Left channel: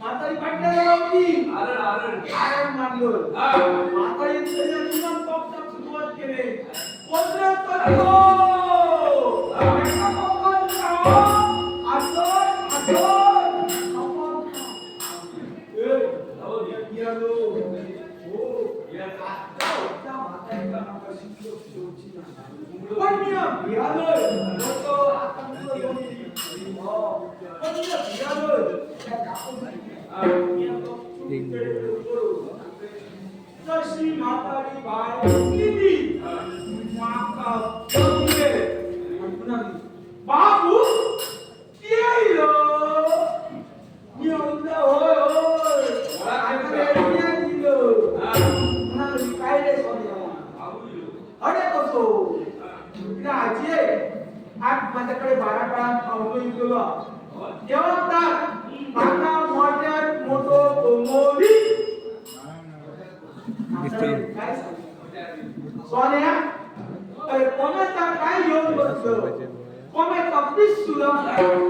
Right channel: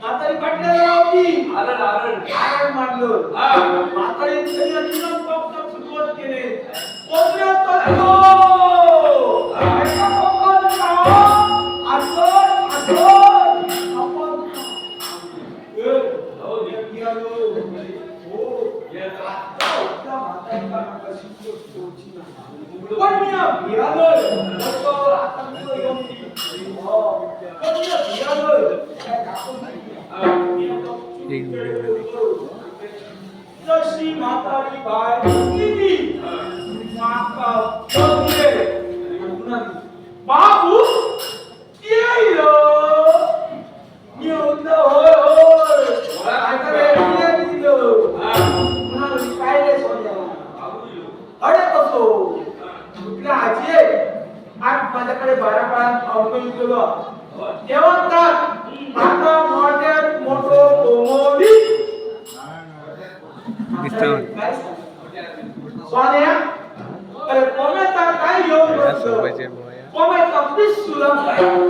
म्हातारी पाटल्याला होती आरण मारलं म्हातारी तिनं पॉपकॉर्न सुरुवात केले कोणत्या तत्व जशी म्हातारी बाय किती माका बघले बाबू येईल मी म्हणतो होय होय काय करायला दिलं काय रे सोन्या अरे कसो तुला आजी आज माझ्याकडे 12 पाऊण गेलो तेव्हा तर आता मोठ्यात मोठो कोमोली सोन्या अरे कोमेचा काय योग बसतो कोमेचा पिस सुलम